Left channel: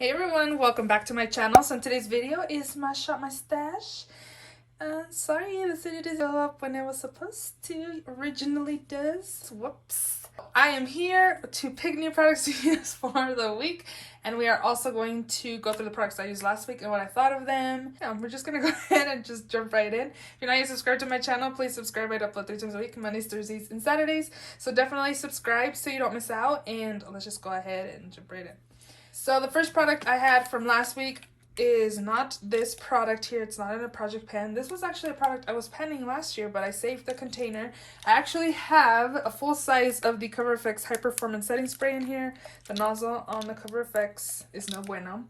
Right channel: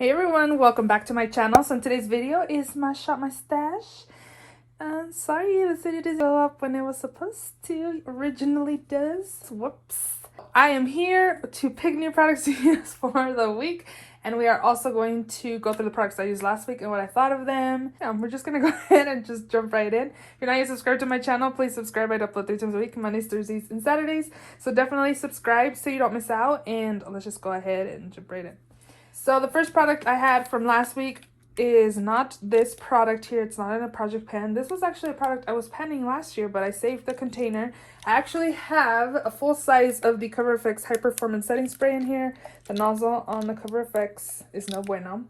Hey everyone, welcome back to my channel. So in today's video is my shop my stash. Sorry this video didn't go up when it was supposed to. Originally does. Whoops. I am here to pick new products to use for the week, and we are also going to go through the products I used last week and what I thought of them. We're just gonna go ahead and just jump right in. If you're not yet subscribed to my channel, please subscribe. I upload 3 times a week, Mondays, Thursdays, and Saturdays. So definitely subscribe so you don't miss out, and let's just go ahead and jump right in. So the first product I had from last week is not this product here. It's not in a project pen. This was actually a product I was penning last year, but I saved the container. I actually have a full size of the Cover FX High Performance Setting Spray in here. The nozzle on the Cover FX is no bueno.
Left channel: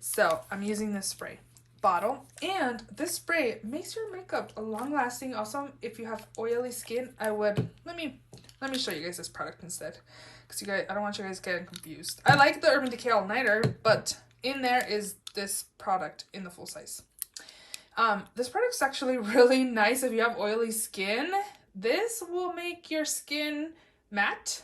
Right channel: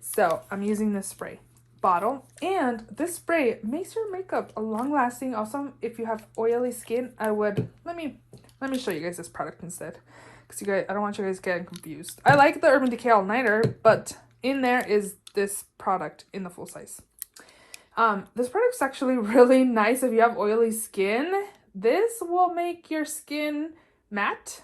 So I'm using this spray bottle, and this spray makes your makeup long lasting. Also, if you have oily skin, I would, let me show you guys this product instead. Because you guys, I don't want you guys getting confused. I like the Urban Decay All Nighter, but in there is this product in the full size. This product's actually really nice if you have oily skin. This will make your skin matte.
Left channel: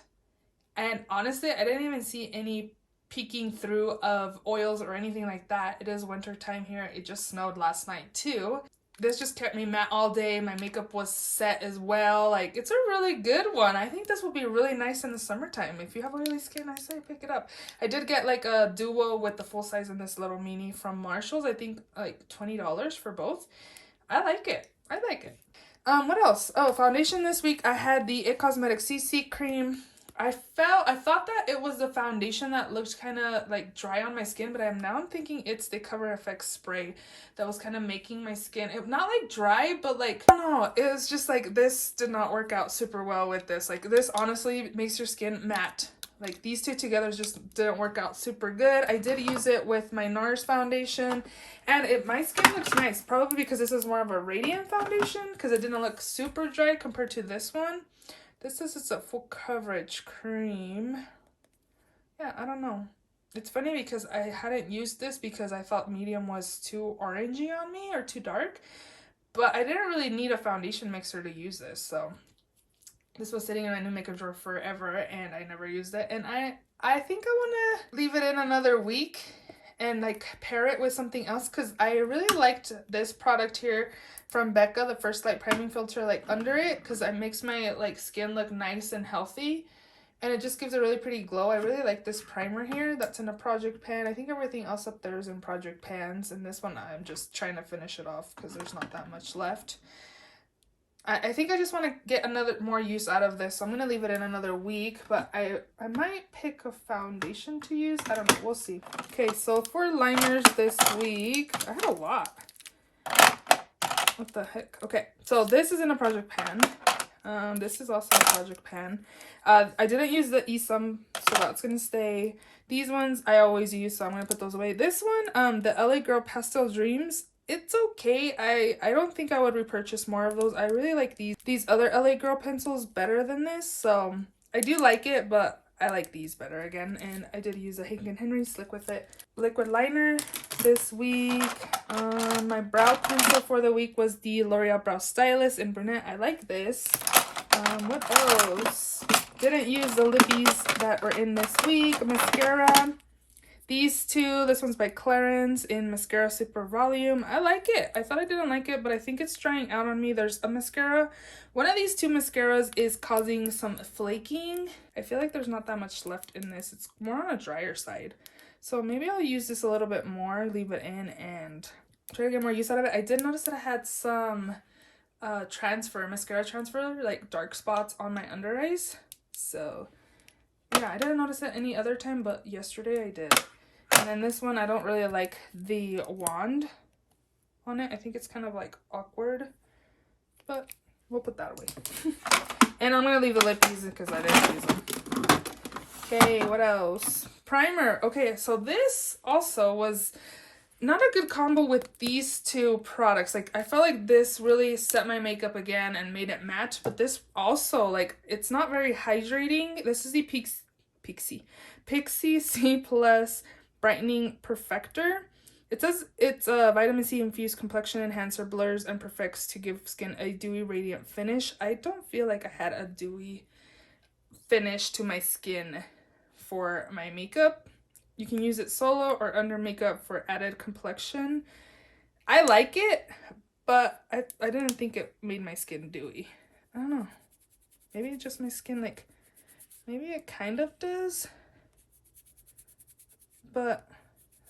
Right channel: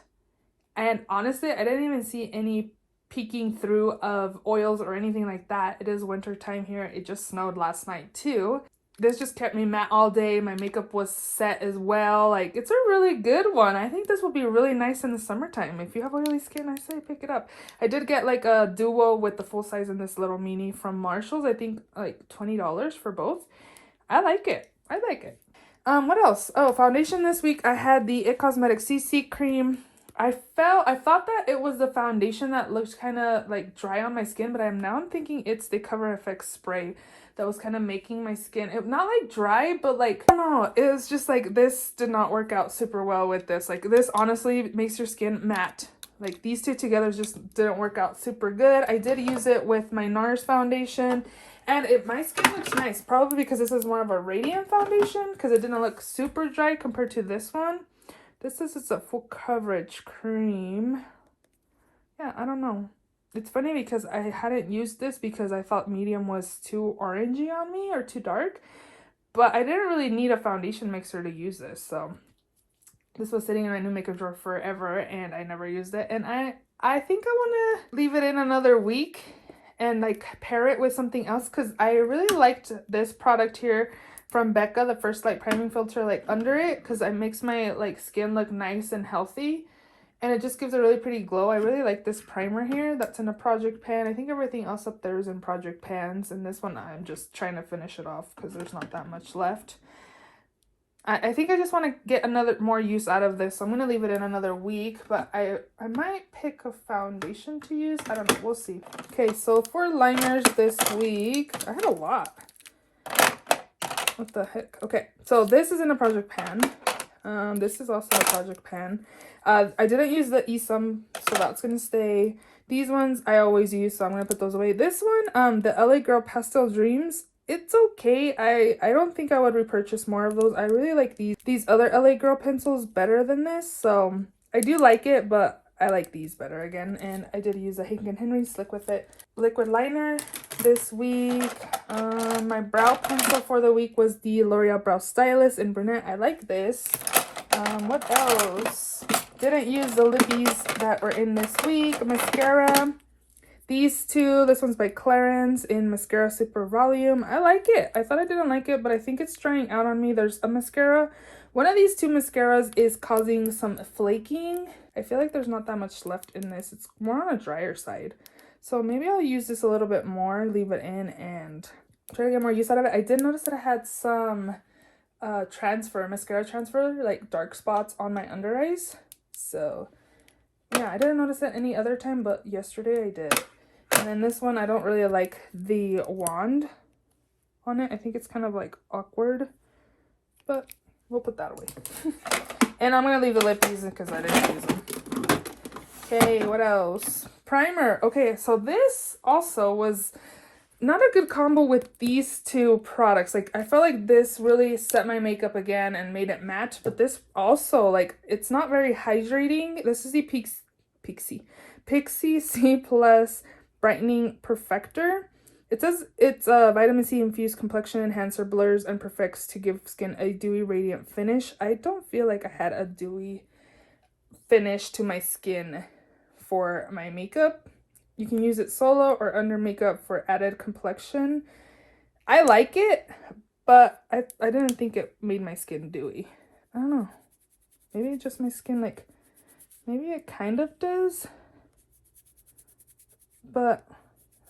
And honestly, I didn't even see any peeking through of oils or anything like that. It is winter time here. It just snowed last night too. This just kept me matte all day. My makeup was set as well. Like, it's a really good one. I think this will be really nice in the summertime. If you have oily skin, I say pick it up. I did get like a duo with the full size and this little mini from Marshall's. I think like $20 for both. I like it. I like it. What else? Oh, foundation this week. I had the It Cosmetics CC cream. I thought that it was the foundation that looked kind of like dry on my skin, but I'm thinking it's the Cover FX spray that was kind of making my skin, not like dry, but like, I don't know, it was just like, this did not work out super well with this. Like, this honestly makes your skin matte. Like, these two together just didn't work out super good. I did use it with my NARS foundation, and my skin looks nice, probably because this is more of a radiant foundation, because it didn't look super dry compared to this one. This is a full coverage cream. Yeah, I don't know. It's funny because I hadn't used this because I thought medium was too orangey on me or too dark. But I didn't really need a foundation mixer to use this. So this was sitting in my new makeup drawer forever and I never used it. And I think I want to leave it in another week and like pair it with something else, because I really liked this product here from Becca, the First Light Priming Filter, like under it, because it makes my like skin look nice and healthy, and it just gives a really pretty glow. I really like this primer here that's in a project pan. I think everything else up there is in project pans, and this one I'm just trying to finish it off because there's not that much left. I think I just want to get more use out of this, so I'm going to leave it in another week, but I might pick a foundation to use. I don't know. We'll see. Okay, so for liners this week, I had a lot. What the heck? Okay, so this is in a project pan. This is also a project pan. I didn't use the eSum, so that's going to stay. These ones I always use, so I'm going to put those away. This one, the LA Girl Pastel Dreams, it's okay. I don't think I would repurchase more of those. I really like these other LA Girl pencils better than this, so I do like it, but I like these better again. And I did use a Hank & Henry Slick With It liquid liner this week. My brow pencil for the week was the L'Oreal Brow Stylist in Brunette. I like this. What else? Didn't use the lippies that were in this week. Mascara. These two, this one's by Clarins in Mascara Super Volume. I like it. I thought I didn't like it, but I think it's drying out on me. There's a mascara. One of these two mascaras is causing some flaking. I feel like there's not that much left in this. It's more on a drier side. So maybe I'll use this a little bit more, leave it in, and try to get more use out of it. I did notice that I had some mascara transfer, like dark spots on my under eyes. So yeah, I didn't notice that any other time, but yesterday I did. And then this one, I don't really like the wand on it. I think it's kind of like awkward, but we'll put that away. And I'm going to leave the lippies because I didn't use them. Okay, what else? Primer. Okay, so this also was not a good combo with these two products. Like, I felt like this really set my makeup again and made it matte, but this also, like, it's not very hydrating. This is the Pixie C Plus Brightening Perfector. It says it's a vitamin C infused complexion enhancer, blurs and perfects to give skin a dewy radiant finish. I don't feel like I had a dewy finish to my skin for my makeup. You can use it solo or under makeup for added complexion. I like it, but I didn't think it made my skin dewy. I don't know. Maybe it's just my skin, like, maybe it kind of does. But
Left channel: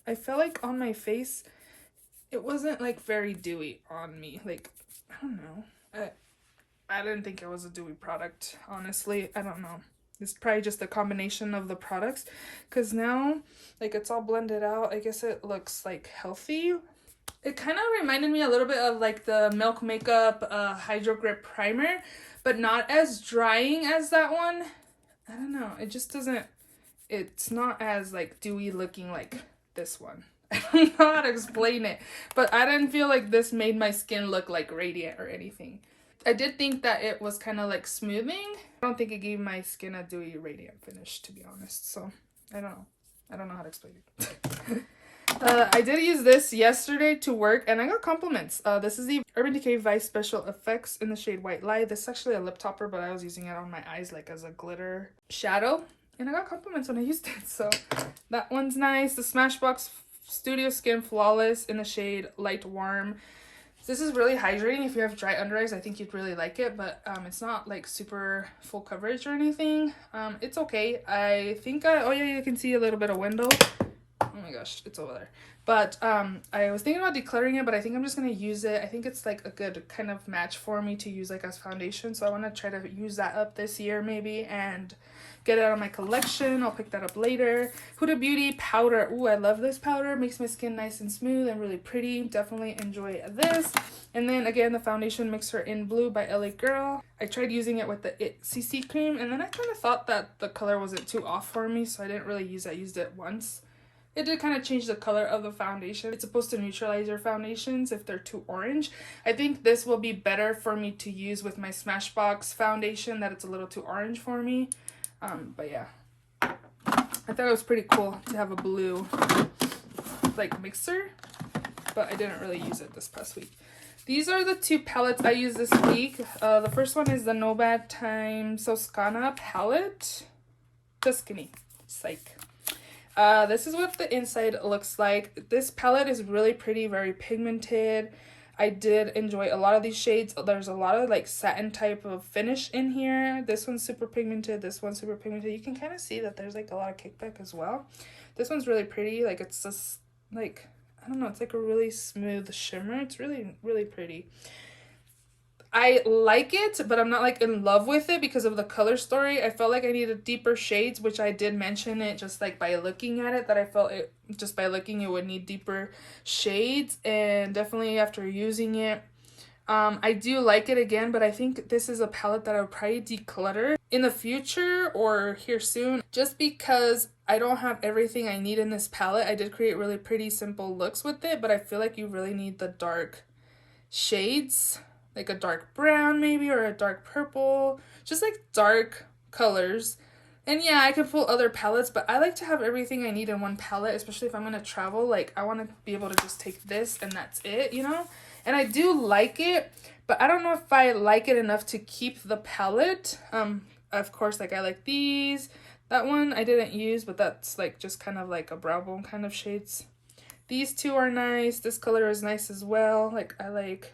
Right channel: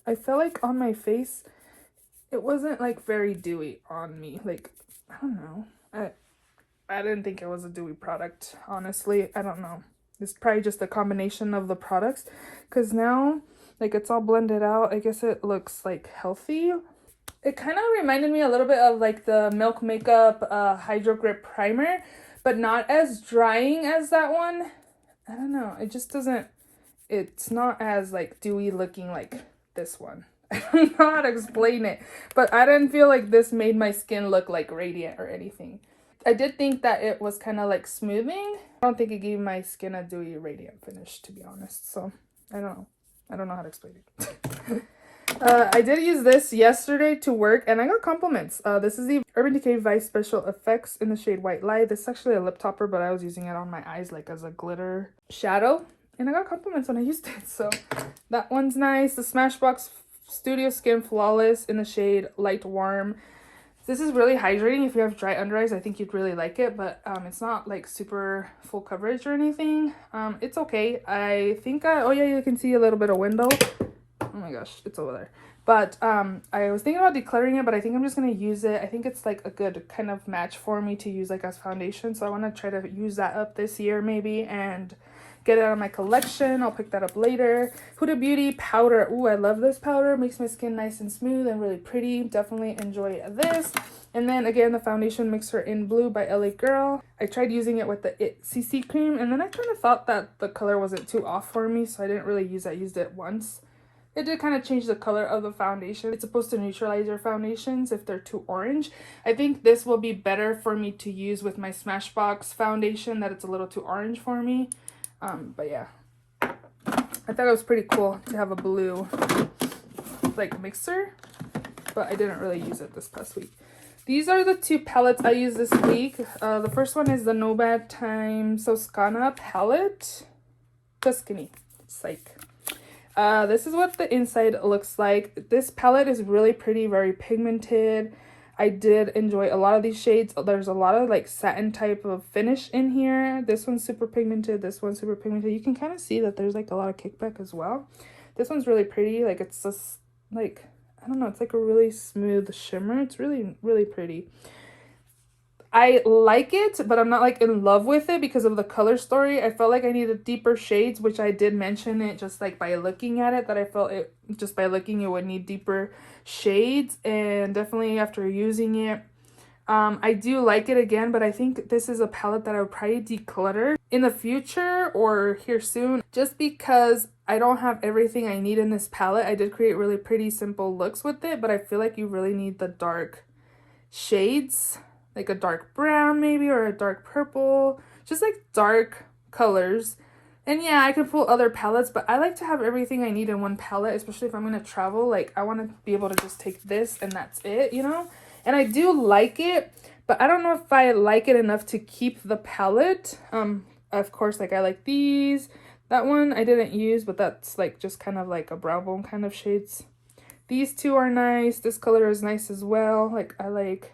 I felt like on my face, it wasn't like very dewy on me. Like, I don't know. I didn't think it was a dewy product, honestly. I don't know. It's probably just a combination of the products, because now, like, it's all blended out. I guess it looks like healthy. It kind of reminded me a little bit of like the Milk Makeup Hydro Grip Primer, but not as drying as that one. I don't know. It just doesn't, it's not as like dewy looking like this one. I don't know how to explain it, but I didn't feel like this made my skin look like radiant or anything. I did think that it was kind of like smoothing. I don't think it gave my skin a dewy radiant finish, to be honest. So I don't know. I don't know how to explain it. I did use this yesterday to work and I got compliments. This is the Urban Decay Vice Special Effects in the shade White Light. This is actually a lip topper, but I was using it on my eyes like as a glitter shadow. And I got compliments when I used it. So that one's nice. The Smashbox Studio Skin Flawless in the shade Light Warm. This is really hydrating. If you have dry under eyes, I think you'd really like it, but it's not like super full coverage or anything. It's okay. I think oh yeah, you can see a little bit of window. Oh my gosh, it's over there. But I was thinking about decluttering it, but I think I'm just gonna use it. I think it's like a good kind of match for me to use like as foundation, so I want to try to use that up this year maybe and get it out of my collection. I'll pick that up later. Huda Beauty powder. Ooh, I love this powder. Makes my skin nice and smooth and really pretty. Definitely enjoy this. And then again, the foundation mixer in blue by LA Girl. I tried using it with the It CC cream, and then I kind of thought that the color wasn't too off for me, so I didn't really use it. I used it once. It did kind of change the color of the foundation. It's supposed to neutralize your foundations if they're too orange. I think this will be better for me to use with my Smashbox foundation, that it's a little too orange for me. But yeah, I thought it was pretty cool to have a blue like mixer, but I didn't really use it this past week. These are the two palettes I used this week. The first one is the Nomad Time Toscana palette. Tuscany. Psych. This is what the inside looks like. This palette is really pretty, very pigmented. I did enjoy a lot of these shades. There's a lot of like satin type of finish in here. This one's super pigmented. This one's super pigmented. You can kind of see that there's like a lot of kickback as well. This one's really pretty. Like it's just like, I don't know, it's like a really smooth shimmer. It's really, really pretty. I like it, but I'm not like in love with it because of the color story. I felt like I needed deeper shades, which I did mention it just like by looking at it, that I felt it just by looking it would need deeper shades, and definitely after using it, I do like it again, but I think this is a palette that I would probably declutter in the future or here soon, just because I don't have everything I need in this palette. I did create really pretty simple looks with it, but I feel like you really need the dark shades, like a dark brown maybe, or a dark purple, just like dark colors. And yeah, I can pull other palettes, but I like to have everything I need in one palette, especially if I'm going to travel. Like, I want to be able to just take this and that's it, you know? And I do like it, but I don't know if I like it enough to keep the palette. Of course, like I like these. That one I didn't use, but that's like just kind of like a brown bone kind of shades. These two are nice. This color is nice as well. Like, I like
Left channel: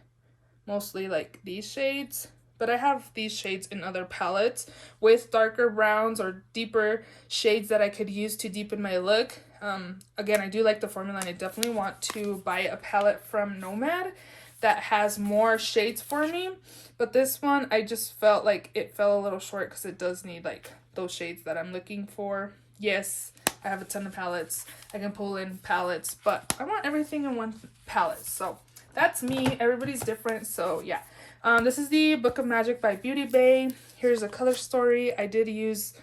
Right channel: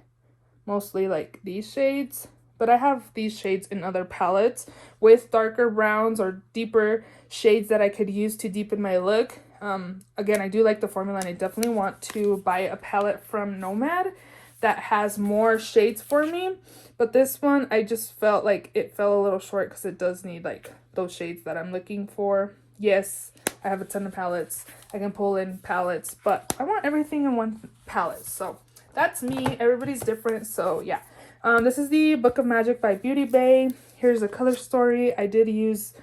mostly like these shades, but I have these shades in other palettes with darker browns or deeper shades that I could use to deepen my look. Again, I do like the formula, and I definitely want to buy a palette from Nomad that has more shades for me, but this one I just felt like it fell a little short because it does need like those shades that I'm looking for. Yes, I have a ton of palettes. I can pull in palettes, but I want everything in one palette, so that's me. Everybody's different, so yeah. This is the Book of Magic by Beauty Bay. Here's a color story. I did use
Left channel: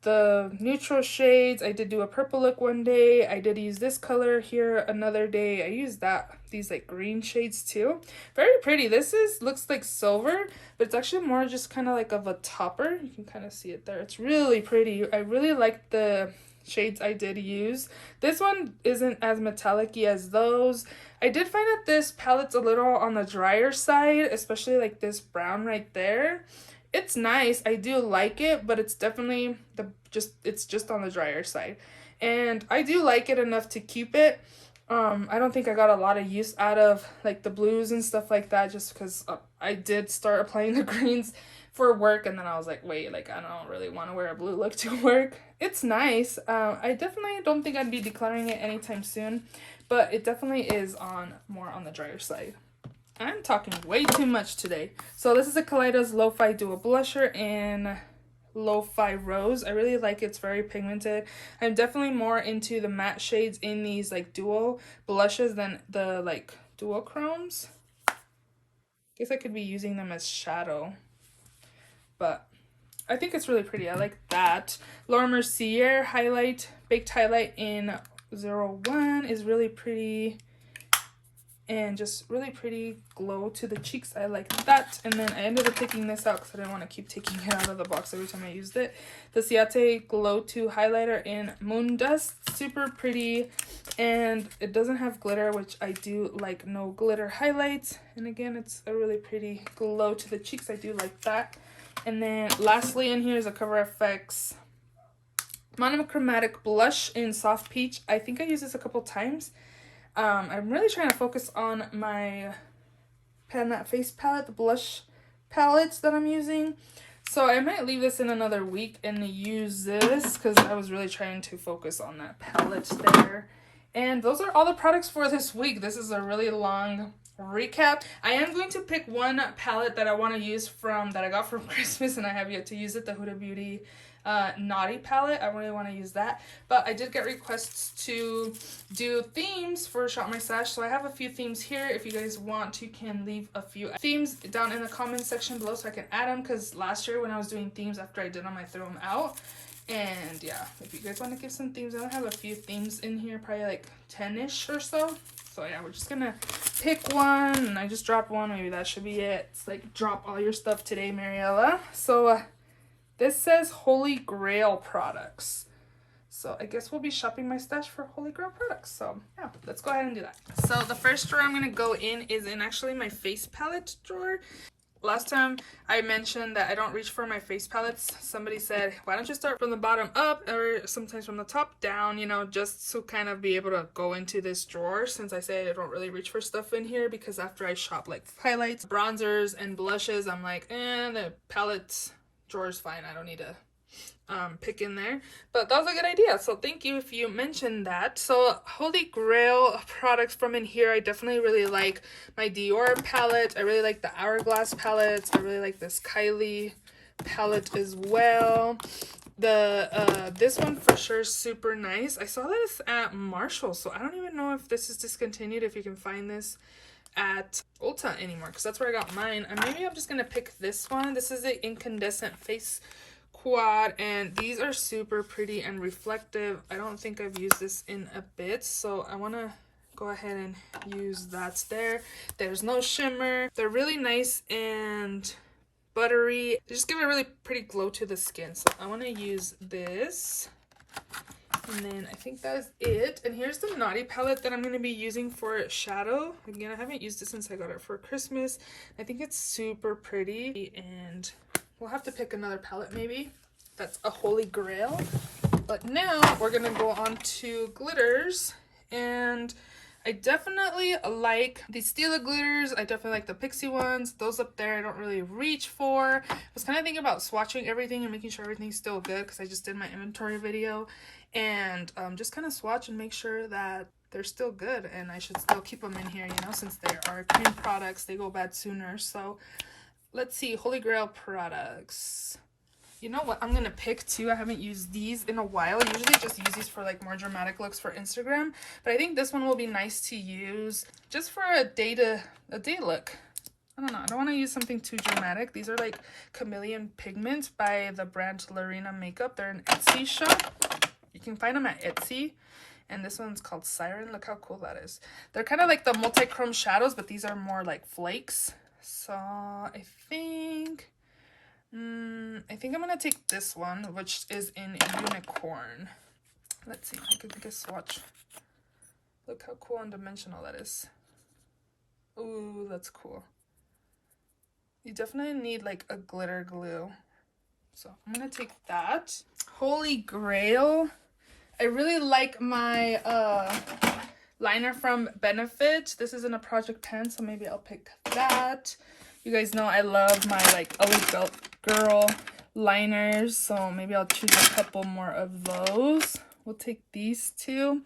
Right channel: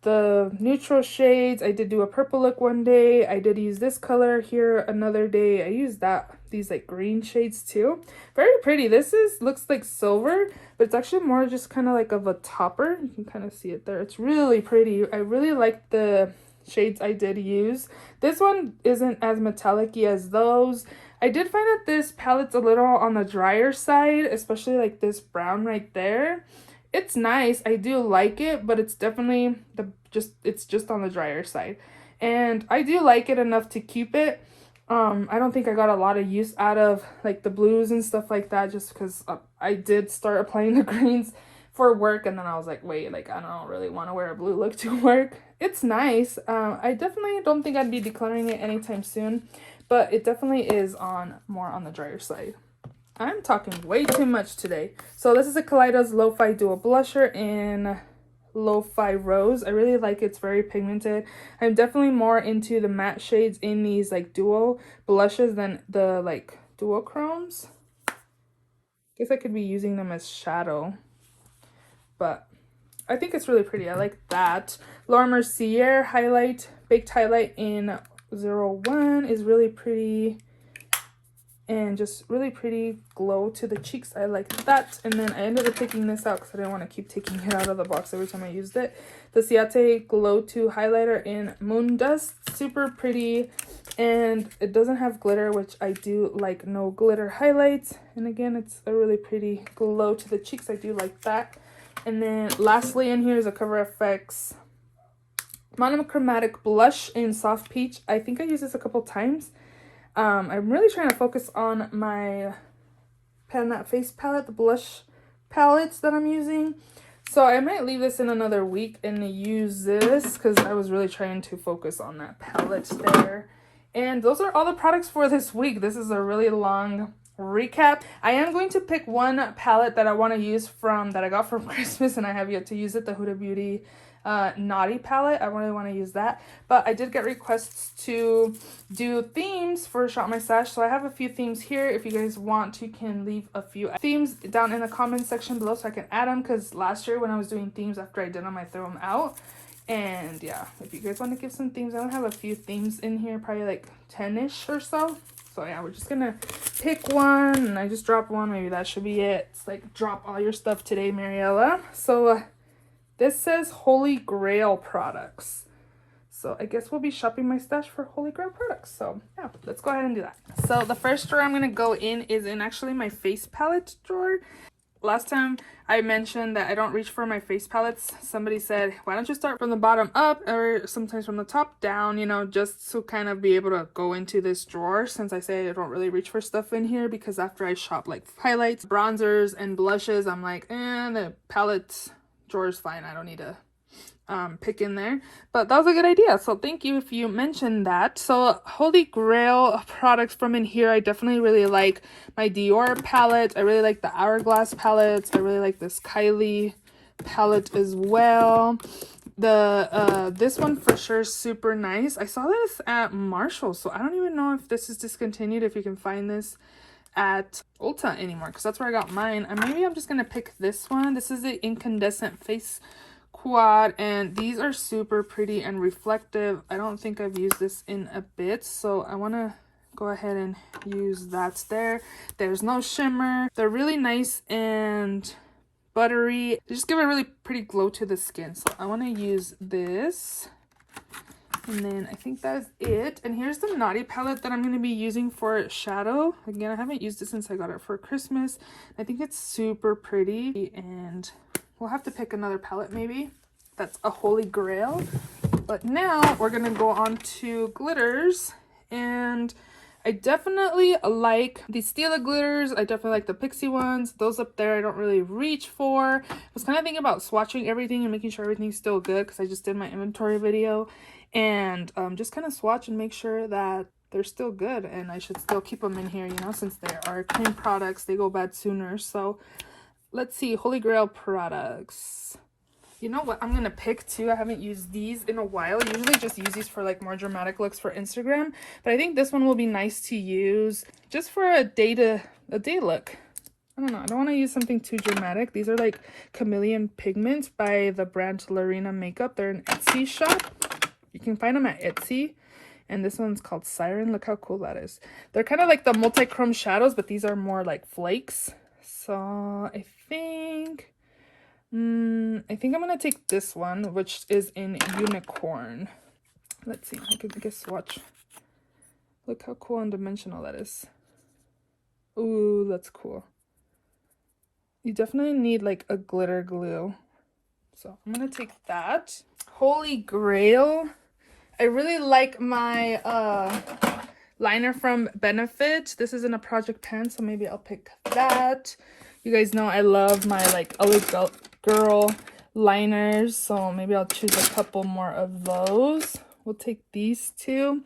the neutral shades. I did do a purple look one day. I did use this color here another day. I used these like green shades too. Very pretty. This looks like silver, but it's actually more just kind of like of a topper. You can kind of see it there. It's really pretty. I really like the shades I did use. This one isn't as metallic-y as those. I did find that this palette's a little on the drier side, especially like this brown right there. It's nice. I do like it, but it's definitely it's just on the drier side. and I do like it enough to keep it. I don't think I got a lot of use out of like the blues and stuff like that, just because I did start applying the greens for work, and then I was like, wait, like I don't really want to wear a blue look to work. It's nice. I definitely don't think I'd be decluttering it anytime soon, but it definitely is more on the drier side. I'm talking way too much today. So this is a Kaleidos Lo-Fi Dual Blusher in Lo-Fi Rose. I really like it. It's very pigmented. I'm definitely more into the matte shades in these like dual blushes than the like dual chromes. Guess I could be using them as shadow, but I think it's really pretty. I like that. Laura Mercier highlight, baked highlight in 01 is really pretty. And just really pretty glow to the cheeks. I like that. And then I ended up taking this out because I didn't want to keep taking it out of the box every time I used it. The Ciate Glow 2 highlighter in Moon Dust. Super pretty. And it doesn't have glitter, which I do like no glitter highlights. And again, it's a really pretty glow to the cheeks. I do like that. And then lastly in here is a Cover FX monochromatic blush in Soft Peach. I think I used this a couple times. I'm really trying to focus on my Pan That Face palette, the blush palettes that I'm using. So I might leave this in another week and use this because I was really trying to focus on that palette there. And those are all the products for this week. This is a really long recap. I am going to pick one palette that I want to use that I got from Christmas and I have yet to use it, the Huda Beauty Naughty palette. I really want to use that, but I did get requests to do themes for Shop My Stash, so I have a few themes here. If you guys want to, can leave a few themes down in the comment section below so I can add them, because last year when I was doing themes, after I did them, I threw them out. And yeah, if you guys want to give some themes, I don't have a few themes in here, probably like 10-ish or so. So yeah, we're just gonna pick one, and I just dropped one. Maybe that should be it. It's like drop all your stuff today, Mariella. So this says Holy Grail products. So I guess we'll be shopping my stash for Holy Grail products. So yeah, let's go ahead and do that. So the first drawer I'm gonna go in is in actually my face palette drawer. Last time I mentioned that I don't reach for my face palettes. Somebody said, why don't you start from the bottom up or sometimes from the top down, you know, just to kind of be able to go into this drawer, since I say I don't really reach for stuff in here, because after I shop like highlights, bronzers, and blushes, I'm like, the palettes drawer is fine. I don't need to pick in there. But that was a good idea, so thank you if you mentioned that. So Holy Grail products from in here, I definitely really like my Dior palette. I really like the Hourglass palettes. I really like this Kylie palette as well. The this one for sure is super nice. I saw this at Marshall, so I don't even know if this is discontinued, if you can find this at Ulta anymore, because that's where I got mine. And maybe I'm just gonna pick this one. This is the Incandescent Face Quad, and these are super pretty and reflective. I don't think I've used this in a bit, so I want to go ahead and use that there. There's no shimmer. They're really nice and buttery. They just give a really pretty glow to the skin, so I want to use this. And then I think that's it. And here's the Naughty palette that I'm going to be using for shadow. Again, I haven't used it since I got it for Christmas. I think it's super pretty, and we'll have to pick another palette maybe. That's a Holy Grail. But now we're going to go on to glitters. And I definitely like the Stila glitters. I definitely like the Pixie ones. Those up there I don't really reach for. I was kind of thinking about swatching everything and making sure everything's still good, because I just did my inventory video. And just kind of swatch and make sure that they're still good, and I should still keep them in here, you know, since they are cream products, they go bad sooner. So let's see, Holy Grail products. You know what I'm gonna pick too? I haven't used these in a while. I usually just use these for like more dramatic looks for Instagram, but I think this one will be nice to use just for a day look. I don't know, I don't want to use something too dramatic. These are like Chameleon Pigment by the brand Lorena Makeup. They're an Etsy shop. You can find them at Etsy. And this one's called Siren. Look how cool that is. They're kind of like the multi-chrome shadows, but these are more like flakes. So I think I'm gonna take this one, which is in Unicorn. Let's see, I could take a swatch. Look how cool and dimensional that is. Ooh, that's cool. You definitely need like a glitter glue. So I'm gonna take that. Holy Grail. I really like my liner from Benefit. This is in a project pen, so maybe I'll pick that. You guys know I love my like LA Girl liners, so maybe I'll choose a couple more of those. We'll take these two.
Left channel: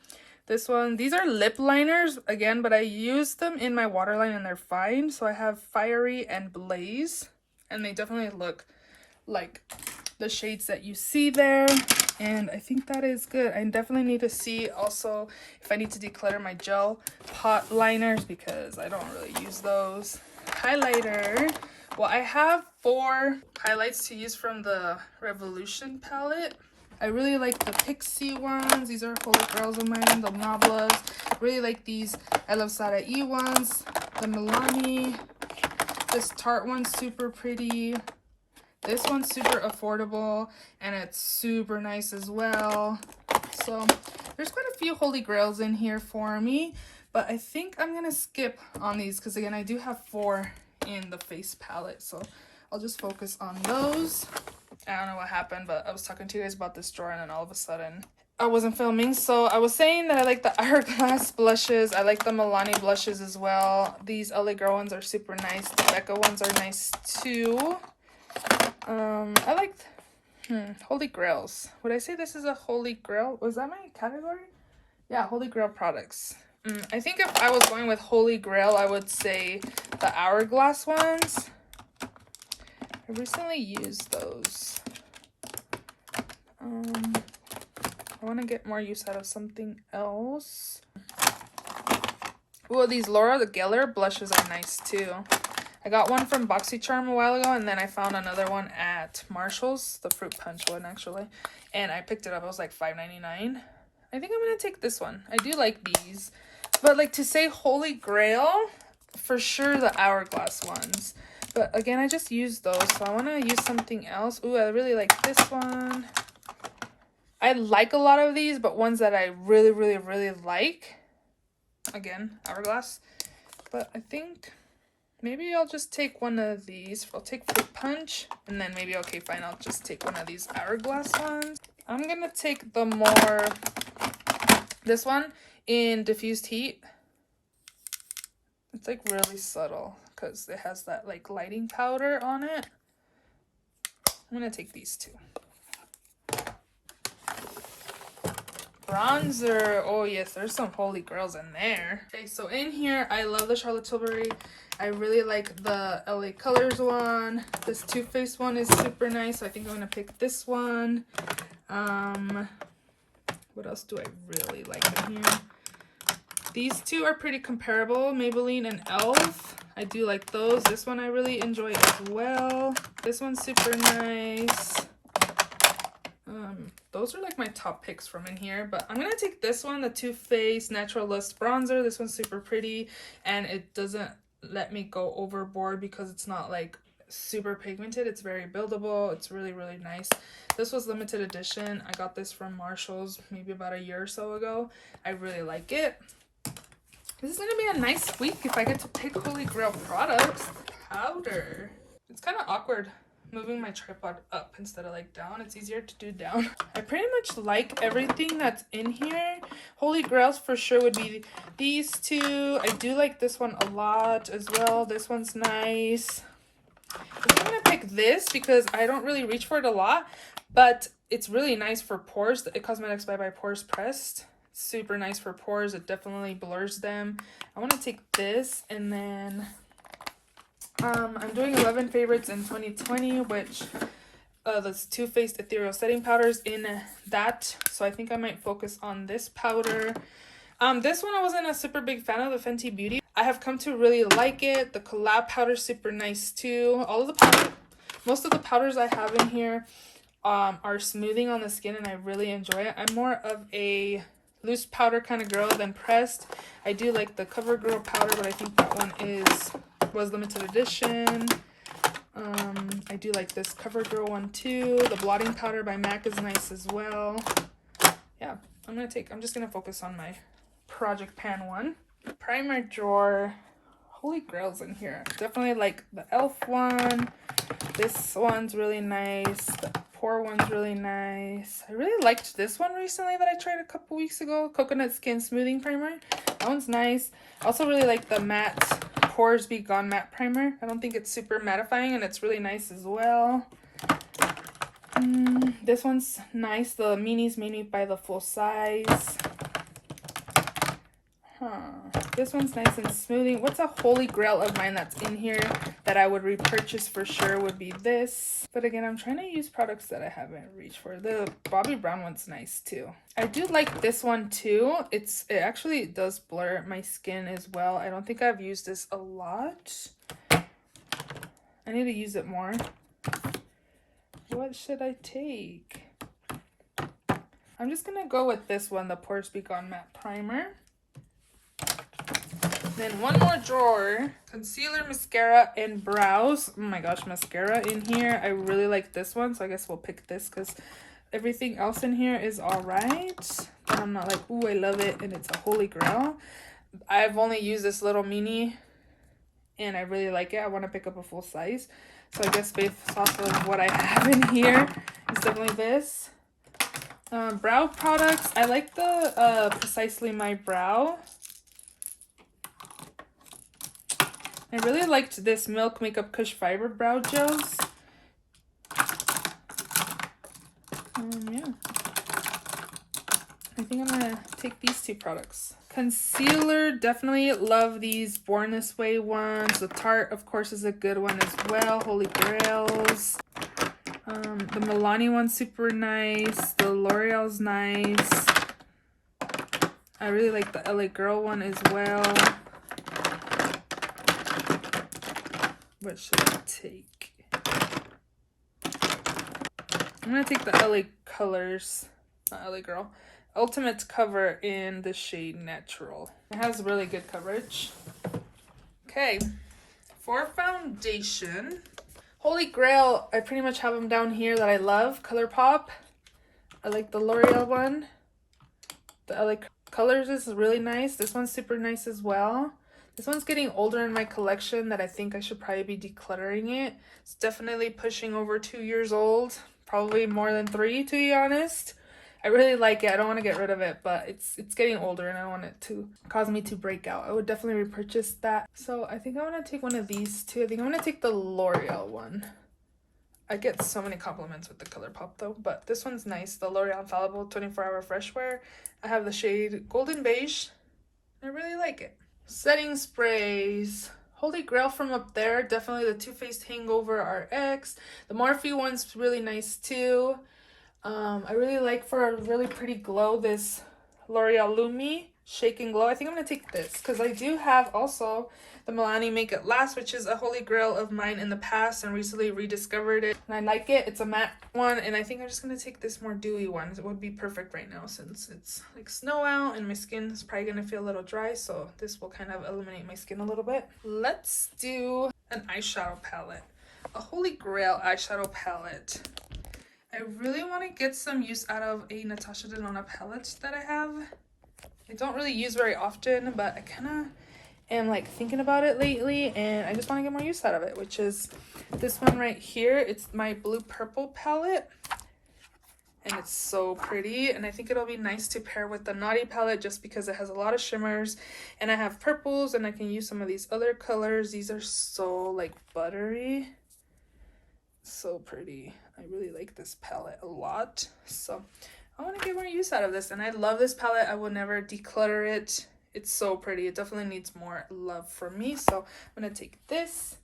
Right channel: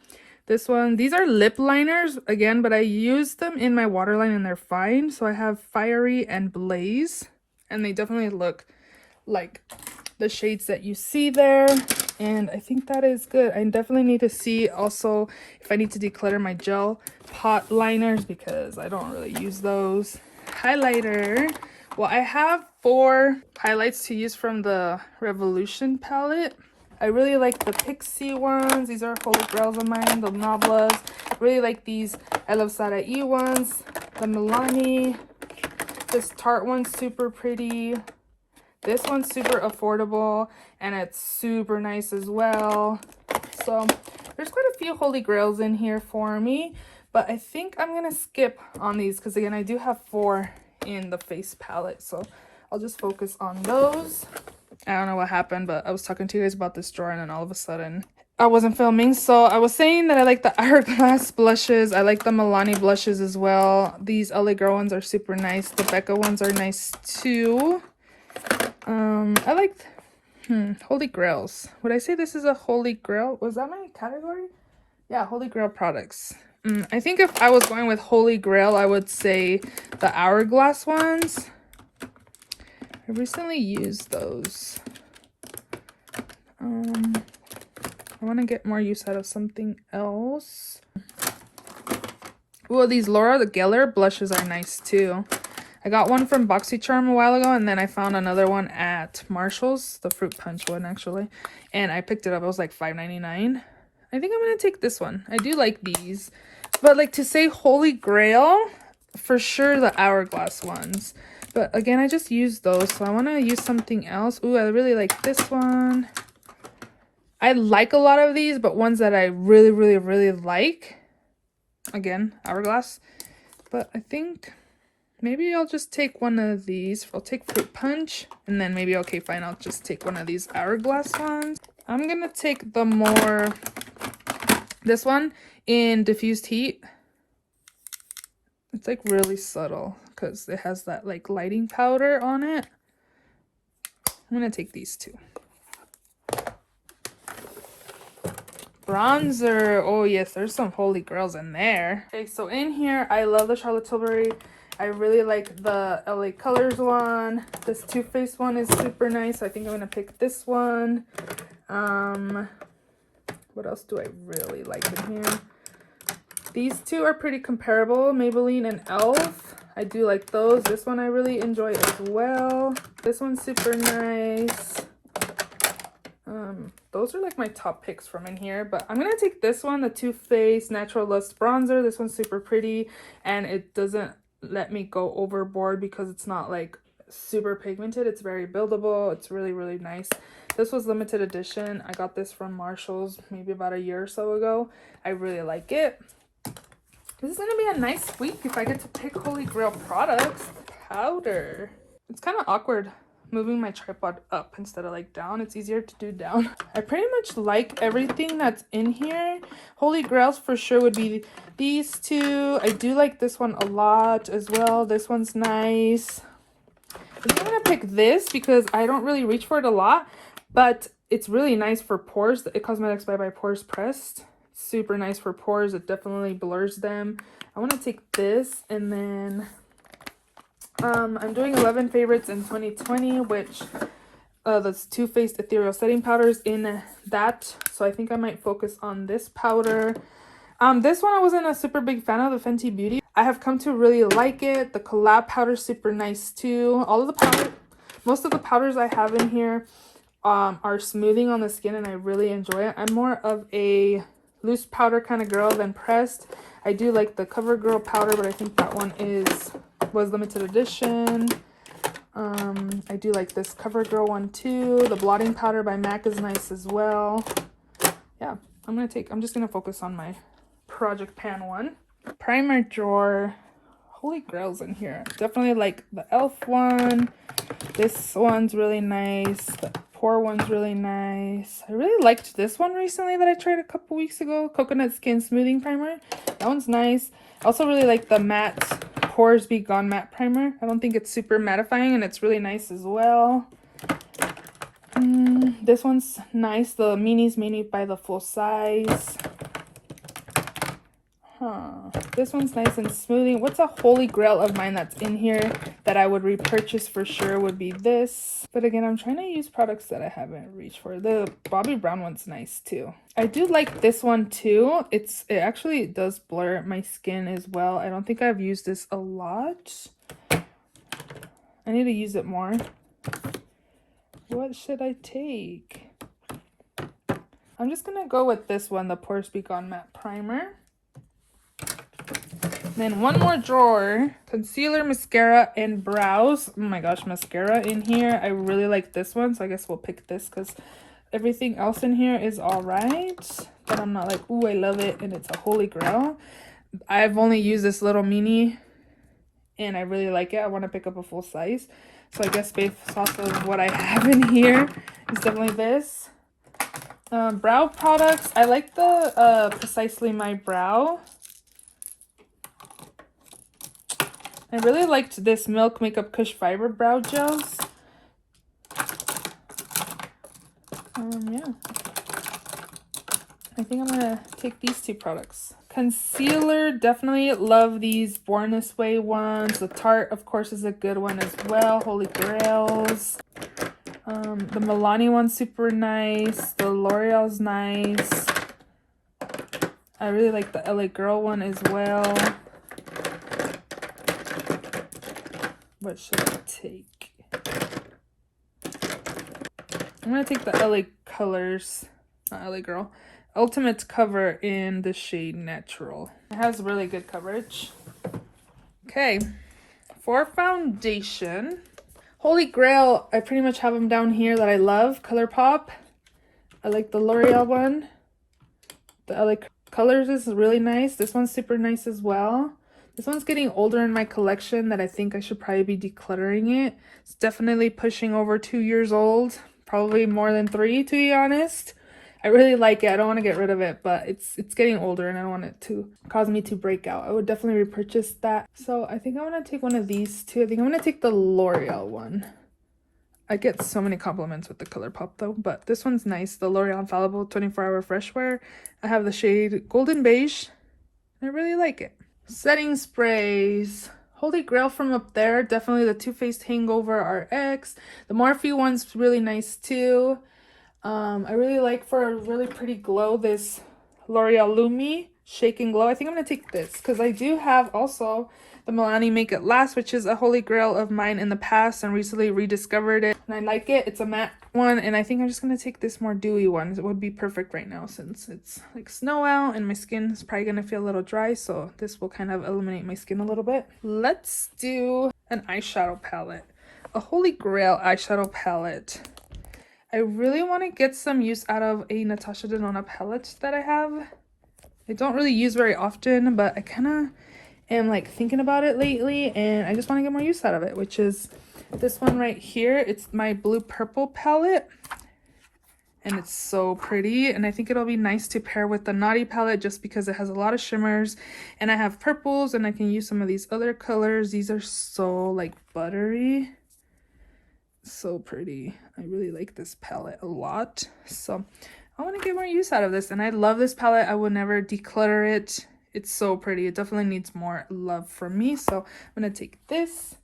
This one, these are lip liners again, but I use them in my waterline and they're fine. So I have Fiery and Blaze, and they definitely look like the shades that you see there, and I think that is good. I definitely need to see also if I need to declutter my gel pot liners because I don't really use those. Highlighter, well, I have 4 highlights to use from the Revolution palette. I really like the Pixie ones. These are holy grails of mine, the Nablas. Really like these I Love Sada E ones, the Milani. This Tarte one's super pretty. This one's super affordable and it's super nice as well. So there's quite a few holy grails in here for me, but I think I'm gonna skip on these because again I do have 4 in the face palette, so I'll just focus on those. I don't know what happened, but I was talking to you guys about this drawer and then all of a sudden I wasn't filming. So I was saying that I like the Hourglass blushes. I like the Milani blushes as well. These LA Girl ones are super nice. The Becca ones are nice too. I like Holy Grails. Would I say this is a Holy Grail? Was that my category? Yeah, Holy Grail products. I think if I was going with Holy Grail, I would say the Hourglass ones. I recently used those. I want to get more use out of something else. Well, these Laura Geller blushes are nice too. I got one from BoxyCharm a while ago, and then I found another one at Marshall's, the fruit punch one actually, and I picked it up. It was like $5.99. I think I'm gonna take this one. I do like these, but like to say Holy Grail, for sure the Hourglass ones. But again, I just used those, so I want to use something else. Ooh, I really like this one. I like a lot of these, but ones that I really like, again, Hourglass. But I think maybe I'll just take one of these. I'll take Fruit Punch, and then maybe, okay, fine, I'll just take one of these Hourglass ones. I'm gonna take the more, this one in Diffused Heat. It's like really subtle because it has that like lighting powder on it. I'm gonna take these two. Bronzer. Oh yes, there's some holy grails in there. Okay, so in here, I love the Charlotte Tilbury. I really like the LA Colors one. This Too Faced one is super nice. So I think I'm gonna pick this one. What else do I really like in here? These two are pretty comparable, Maybelline and e.l.f. I do like those. This one I really enjoy as well. This one's super nice. Those are like my top picks from in here, but I'm gonna take this one, the Too Faced Natural Lust Bronzer. This one's super pretty and it doesn't let me go overboard because it's not like super pigmented. It's very buildable. It's really nice. This was limited edition. I got this from Marshall's maybe about a year or so ago. I really like it. This is gonna be a nice week if I get to pick Holy Grail products. Powder. It's kind of awkward moving my tripod up instead of like down. It's easier to do down. I pretty much like everything that's in here. Holy Grails for sure would be these two. I do like this one a lot as well. This one's nice. I'm gonna pick this because I don't really reach for it a lot, but it's really nice for pores. The It Cosmetics by Pores Pressed. Super nice for pores. It definitely blurs them. I want to take this, and then I'm doing 11 favorites in 2020, which that's Too Faced Ethereal Setting Powders in that. So I think I might focus on this powder. This one I wasn't a super big fan of, the Fenty Beauty. I have come to really like it. The Collab powder super nice too. All of the powder, most of the powders I have in here are smoothing on the skin, and I really enjoy it. I'm more of a loose powder kind of girl than pressed. I do like the CoverGirl powder, but I think that one was limited edition. I do like this CoverGirl one too. The blotting powder by MAC is nice as well. Yeah, I'm just gonna focus on my Project Pan one. Primer drawer. Holy grails in here. Definitely like the e.l.f. one. This one's really nice. The pore one's really nice. I really liked this one recently that I tried a couple weeks ago. Coconut Skin Smoothing Primer. That one's nice. I also really like the matte Pores Be Gone Matte Primer. I don't think it's super mattifying, and it's really nice as well. This one's nice. The Mini's Mini by the full size. This one's nice and smoothing. What's a holy grail of mine that's in here that I would repurchase for sure would be this. But again, I'm trying to use products that I haven't reached for. The Bobbi Brown one's nice too. I do like this one too. It actually does blur my skin as well. I don't think I've used this a lot. I need to use it more. What should I take? I'm just gonna go with this one, the Pores Be Gone Matte Primer. Then one more drawer, concealer, mascara, and brows. Oh my gosh, mascara in here. I really like this one, so I guess we'll pick this because everything else in here is all right. But I'm not like, ooh, I love it, and it's a holy grail. I've only used this little mini, and I really like it. I want to pick up a full size. So I guess based off of what I have in here, it's definitely this. Brow products. I like the Precisely My Brow. I really liked this Milk Makeup Kush Fiber Brow Gels. Yeah. I think I'm gonna take these two products. Concealer, definitely love these Born This Way ones. The Tarte, of course, is a good one as well. Holy Grails. The Milani one's super nice. The L'Oreal's nice. I really like the LA Girl one as well. What should I take? I'm gonna take the LA Colors, not LA Girl. Ultimate Cover in the shade Natural. It has really good coverage. Okay, for foundation, Holy Grail, I pretty much have them down here that I love. ColourPop. I like the L'Oreal one. The LA Colors is really nice. This one's super nice as well. This one's getting older in my collection that I think I should probably be decluttering it. It's definitely pushing over 2 years old. Probably more than 3, to be honest. I really like it. I don't want to get rid of it, but it's getting older and I don't want it to cause me to break out. I would definitely repurchase that. So I think I'm going to take one of these two. I think I'm going to take the L'Oreal one. I get so many compliments with the ColourPop though, but this one's nice. The L'Oreal Infallible 24-Hour Fresh Wear. I have the shade Golden Beige. I really like it. Setting sprays. Holy Grail from up there. Definitely the Too Faced Hangover RX. The Morphe one's really nice too. I really like, for a really pretty glow, this L'Oreal Lumi Shake and Glow. I think I'm going to take this because I do have also the Milani Make It Last, which is a holy grail of mine in the past and recently rediscovered it. And I like it. It's a matte one, and I think I'm just going to take this more dewy one. It would be perfect right now since it's like snow out and my skin is probably going to feel a little dry, so this will kind of illuminate my skin a little bit. Let's do an eyeshadow palette. A holy grail eyeshadow palette. I really want to get some use out of a Natasha Denona palette that I have. I don't really use very often, but I kind of am like thinking about it lately, and I just want to get more use out of it, which is this one right here. It's my blue purple palette, and it's so pretty, and I think it'll be nice to pair with the Naughty palette just because it has a lot of shimmers, and I have purples, and I can use some of these other colors. These are so like buttery. So pretty. I really like this palette a lot, so I want to get more use out of this, and I love this palette. I will never declutter it. It's so pretty. It definitely needs more love from me, so I'm gonna take this.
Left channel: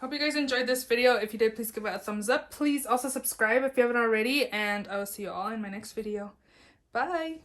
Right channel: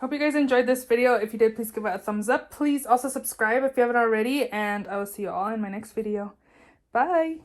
Hope you guys enjoyed this video. If you did, please give it a thumbs up. Please also subscribe if you haven't already, and I will see you all in my next video. Bye!